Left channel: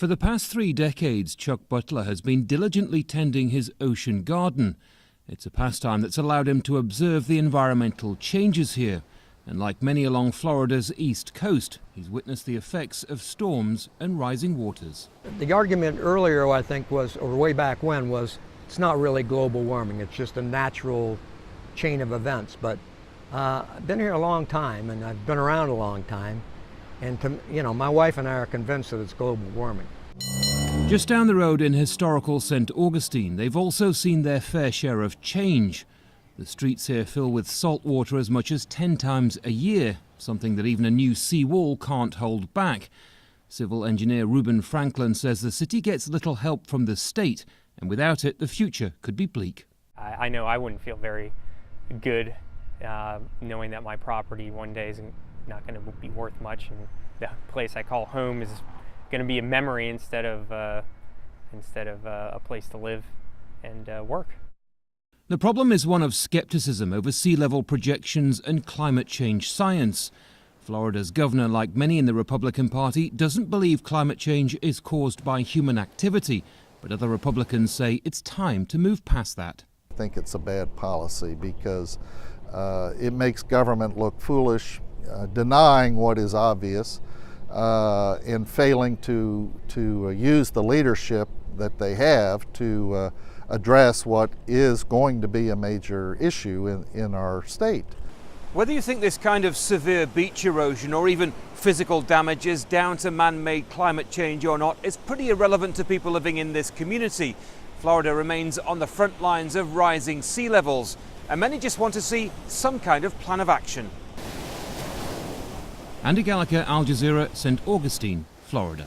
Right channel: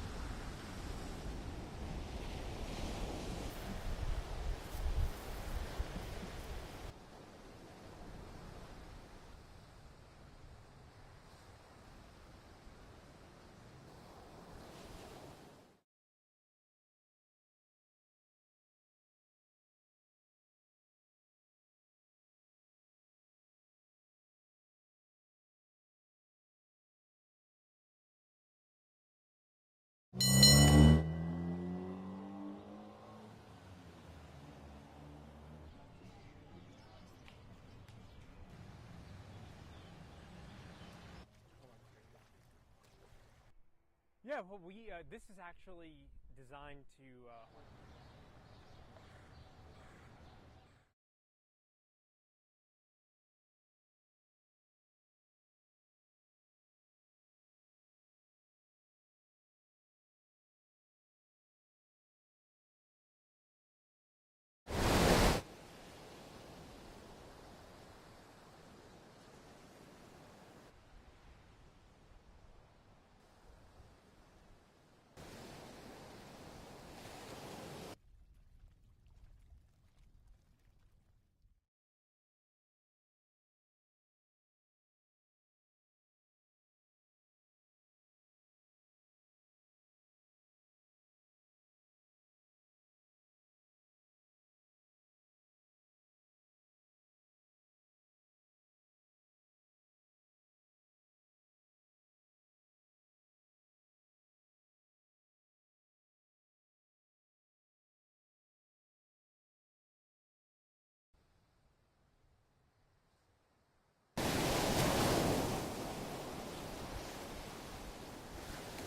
For the past 3 decades, Chuck Butler has been diligently tending his ocean garden. It's a pastime that's allowed him to observe the environmental changes here. And like many along Florida's east coast, he's witnessed the effects of storms and rising waters. The argument earlier, I think, was, or way back when, was it's not really global warming. It's just a natural chain of events. But I've been here a long time, and I've been around a long time. And my wife and I are convinced that it's global warming. Just down the road in historical St. Augustine, they've also seen their fair share of change. The streets here fill with salt water as much as 10 times a year, something that even a new seawall can't hold back. Civil engineer Reuben Franklin says the city gets little help from the state, and without it, the future could be bleak. I know I wouldn't feel very good knowing that my property one day is not going to be worth much, and the place I call home is going to be a memory instead of a place to live and work. The problem is one of skepticism over sea level projections and climate change science. Florida's governor, like many in the Republican Party, doesn't believe climate change is caused by human activity, but other Republicans say it's time to move past that. I think it's a bad policy because it makes government look foolish, denying what is obvious, and failing to use the leadership that they have to address what is going to be a major issue in our state. Whether you think this kind of severe beach erosion or even physical damage is down to man-made climate change or not is pretty irrelevant to people living in this community. Florida remains on the front lines of rising sea levels, and many just want to see some kind of plan of action. Andy Gallagher, Al Jazeera, St. Augustine, Florida.